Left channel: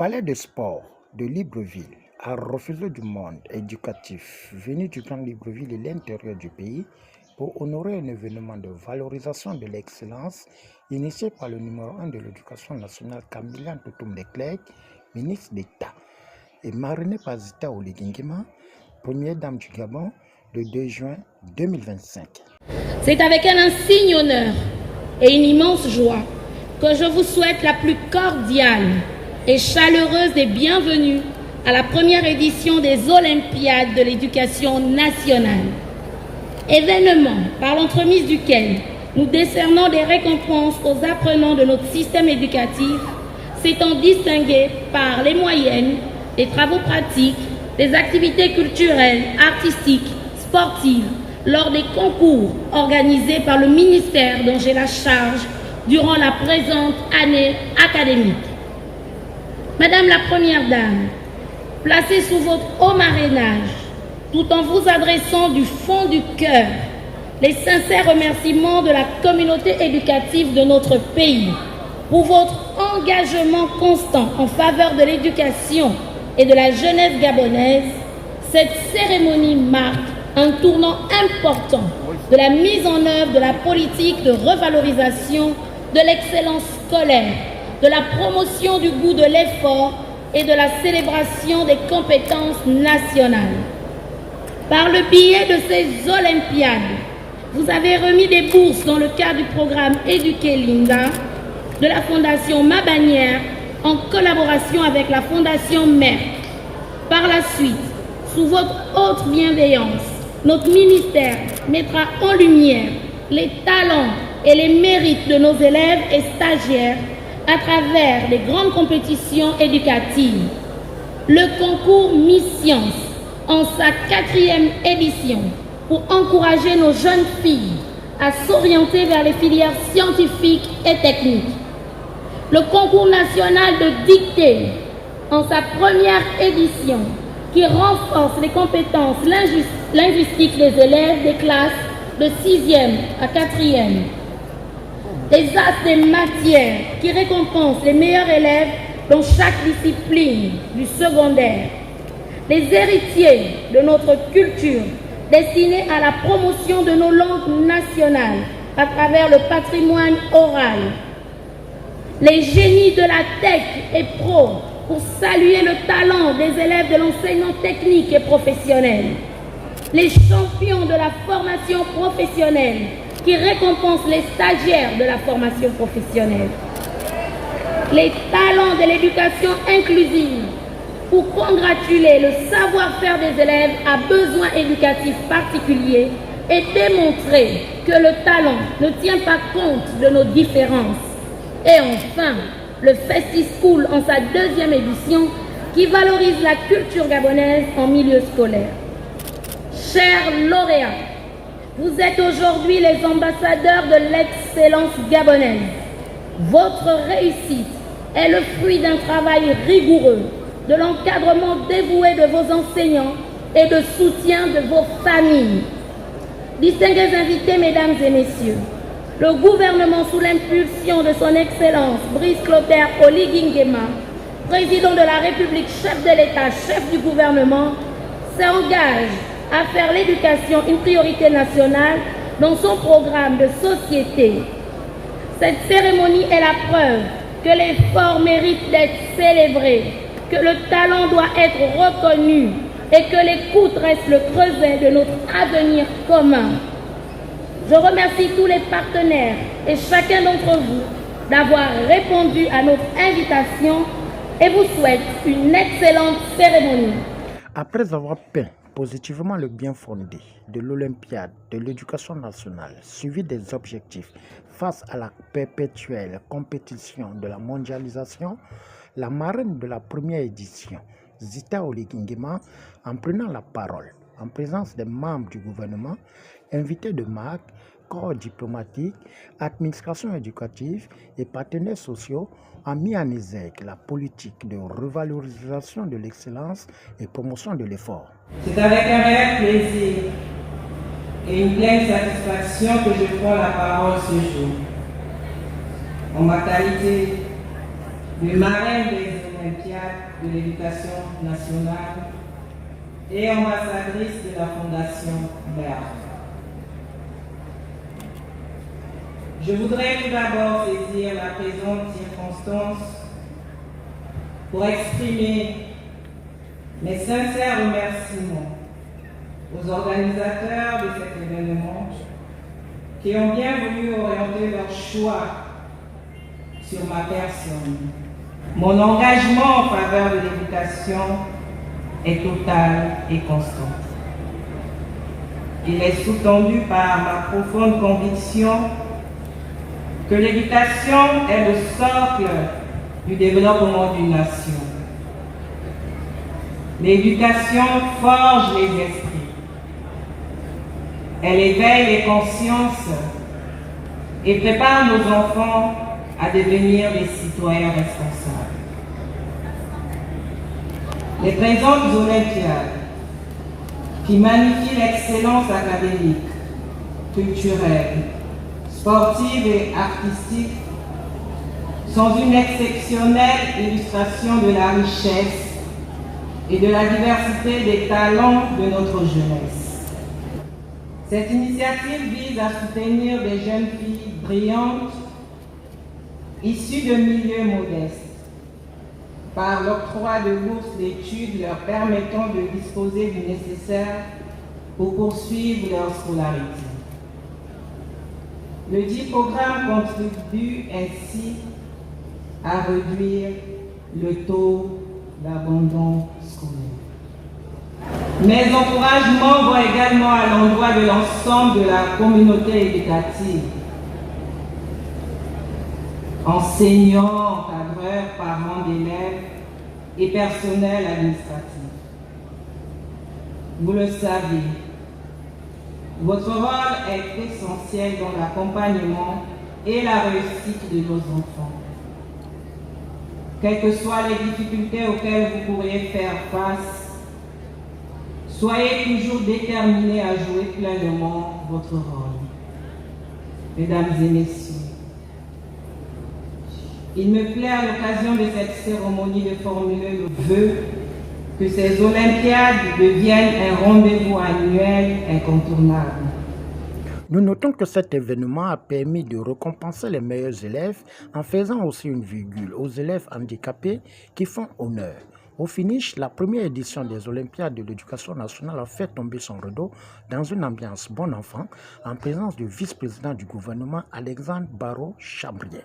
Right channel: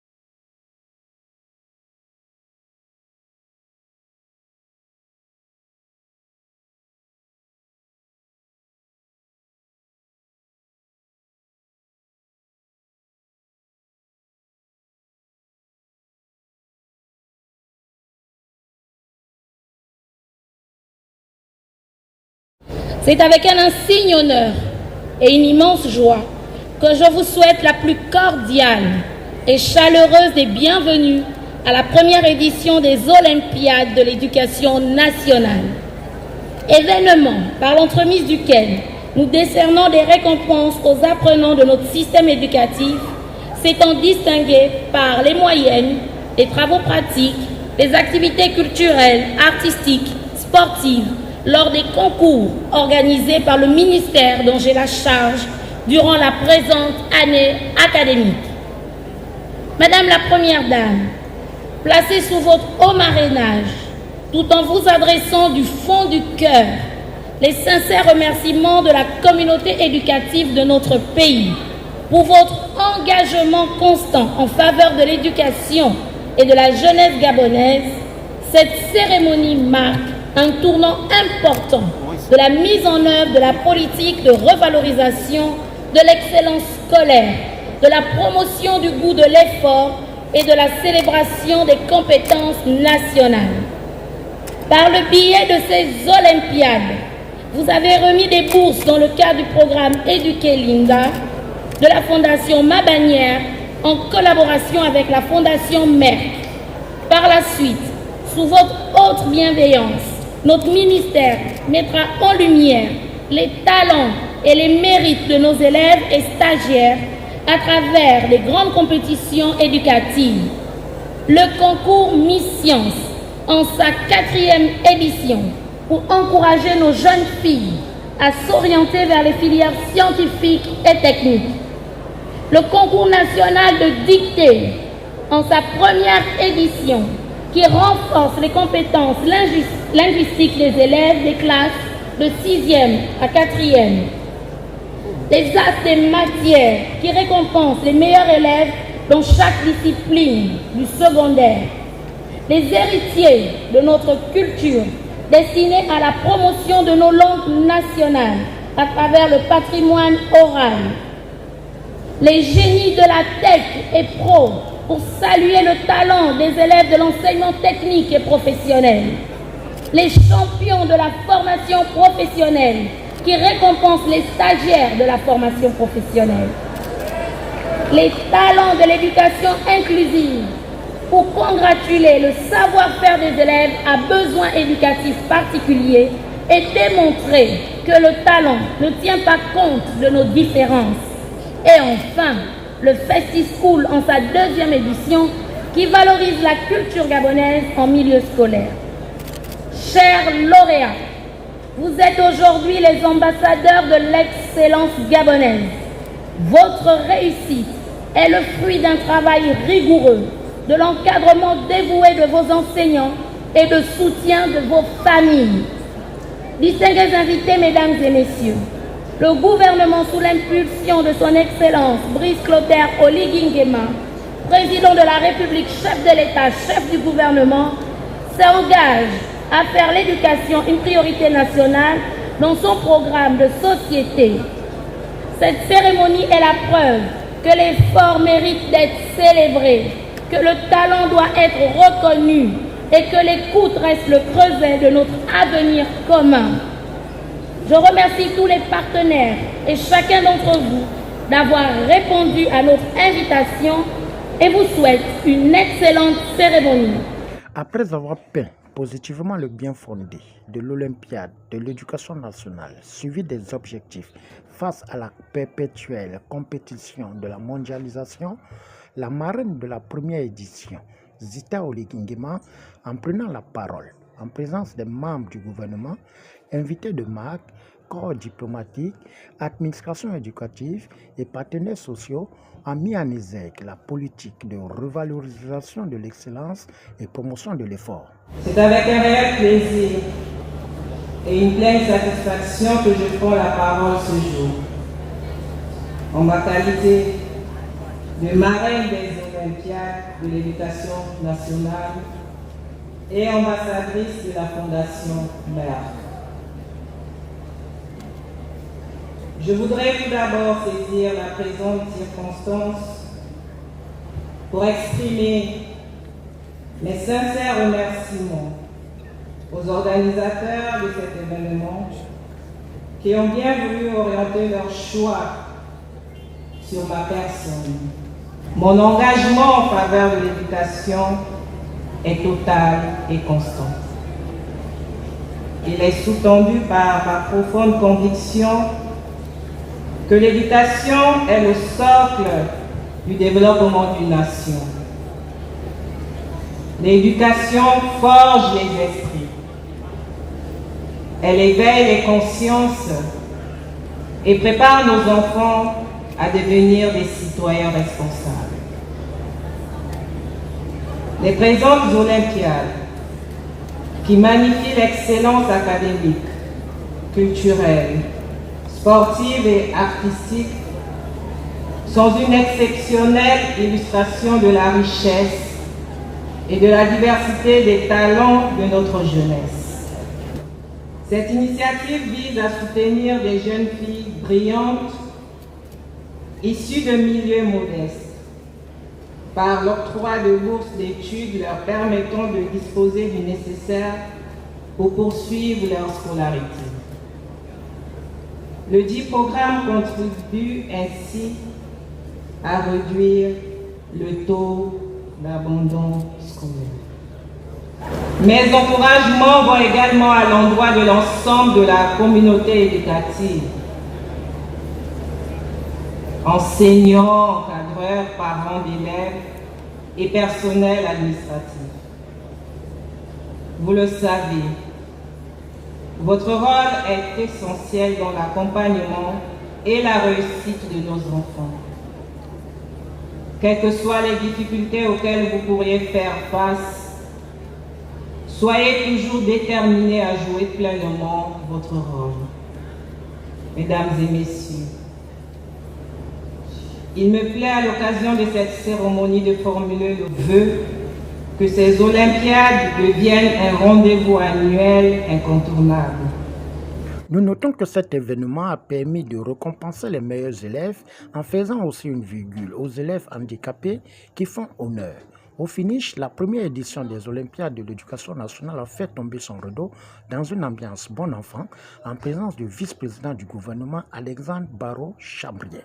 palais de sport de Libreville a refusé du monde éducatif venu du Grand Libreville et l'intérieur du pays pour honorer un événement de valorisation de l'excellence initié par le numéro 1 de l'éducation nationale Kambilan Toutoum Leclerc, ministre d'État, et marraine par Zita Oligingima, première dame du Gabon, le 2 juin 2025. C'est avec un insigne honneur et une immense joie que je vous souhaite la plus cordiale et chaleureuse des bienvenues à la première édition des Olympiades de l'éducation nationale. Événement par l'entremise duquel nous décernons des récompenses aux apprenants de notre système éducatif, s'étant distingués par les moyennes, les travaux pratiques, les activités culturelles, artistiques, sportives, lors des concours organisés par le ministère dont j'ai la charge durant la présente année académique. Madame la Première Dame, placez sous votre haut marrainage, tout en vous adressant du fond du cœur, les sincères remerciements de la communauté éducative de notre pays pour votre engagement constant en faveur de l'éducation et de la jeunesse gabonaise. Cette cérémonie marque un tournant important de la mise en œuvre de la politique de revalorisation de l'excellence scolaire, de la promotion du goût de l'effort et de la célébration des compétences nationales. Par le biais de ces Olympiades, vous avez remis des bourses dans le cadre du programme Éduquer Linda de la Fondation Ma Bannière en collaboration avec la Fondation Merck. Par la suite, sous votre haute bienveillance, notre ministère mettra en lumière les talents et les mérites de nos élèves et stagiaires à travers les grandes compétitions éducatives. Le concours Miss Science en sa 4e édition pour encourager nos jeunes filles à s'orienter vers les filières scientifiques et techniques. Le concours national de dictée en sa 1re édition qui renforce les compétences linguistiques des élèves des classes de 6e à 4e. Les as des matières qui récompensent les meilleurs élèves dans chaque discipline du secondaire. Les héritiers de notre culture destinés à la promotion de nos langues nationales à travers le patrimoine oral. Les génies de la tech et pro pour saluer le talent des élèves de l'enseignement technique et professionnel. Les champions de la formation professionnelle qui récompensent les stagiaires de la formation professionnelle. Les talents de l'éducation inclusive pour congratuler le savoir-faire des élèves à besoins éducatifs particuliers et démontrer que le talent ne tient pas compte de nos différences. Et enfin, le Festi-School en sa 2e édition qui valorise la culture gabonaise en milieu scolaire. Chers lauréats, vous êtes aujourd'hui les ambassadeurs de l'excellence gabonaise. Votre réussite est le fruit d'un travail rigoureux, de l'encadrement dévoué de vos enseignants et de soutien de vos familles. Distingués invités, mesdames et messieurs, le gouvernement, sous l'impulsion de son Excellence Brice Clotaire Oligingema, président de la République, chef de l'État, chef du gouvernement, s'engage à faire l'éducation une priorité nationale dans son programme de société. Cette cérémonie est la preuve que l'effort mérite d'être célébré, que le talent doit être reconnu et que l'écoute reste le creuset de notre avenir commun. Je remercie tous les partenaires et chacun d'entre vous d'avoir répondu à notre invitation et vous souhaite une excellente cérémonie. Après avoir peint positivement le bien fondé de l'Olympiade de l'éducation nationale, suivi des objectifs face à la perpétuelle compétition de la mondialisation, la marraine de la 1re édition, Zita Oligingema, en prenant la parole en présence des membres du gouvernement, invités de marque, corps diplomatique, administration éducative et partenaires sociaux, a mis en exergue la politique de revalorisation de l'excellence et promotion de l'effort. C'est avec un réel plaisir et une pleine satisfaction que je prends la parole ce jour. En ma qualité de marraine des olympiades de l'éducation nationale et ambassadrice de la Fondation BERT. Je voudrais tout d'abord saisir la présente circonstance pour exprimer mes sincères remerciements aux organisateurs de cet événement qui ont bien voulu orienter leur choix sur ma personne. Mon engagement en faveur de l'éducation est total et constant. Il est sous-tendu par ma profonde conviction que l'éducation est le socle du développement d'une nation. L'éducation forge les esprits. Elle éveille les consciences et prépare nos enfants à devenir des citoyens responsables. Les présentes Olympiades, qui magnifient l'excellence académique, culturelle, sportive et artistique, sont une exceptionnelle illustration de la richesse et de la diversité des talents de notre jeunesse. Cette initiative vise à soutenir des jeunes filles brillantes, issues de milieux modestes, par l'octroi de bourses d'études leur permettant de disposer du nécessaire pour poursuivre leur scolarité. Le dit programme contribue ainsi à réduire le taux d'abandon scolaire. Mes encouragements vont également à l'endroit de l'ensemble de la communauté éducative, enseignants, encadreurs, parents d'élèves et personnel administratif. Vous le savez, votre rôle est essentiel dans l'accompagnement et la réussite de nos enfants. Quelles que soient les difficultés auxquelles vous pourriez faire face, soyez toujours déterminés à jouer pleinement votre rôle. Mesdames et messieurs, il me plaît à l'occasion de cette cérémonie de formuler le vœu que ces Olympiades deviennent un rendez-vous annuel incontournable. Nous notons que cet événement a permis de récompenser les meilleurs élèves en faisant aussi une virgule aux élèves handicapés qui font honneur. Au finish, la première édition des Olympiades de l'éducation nationale a fait tomber son rideau dans une ambiance bon enfant en présence du vice-président du gouvernement Alexandre Barrot-Chabrier.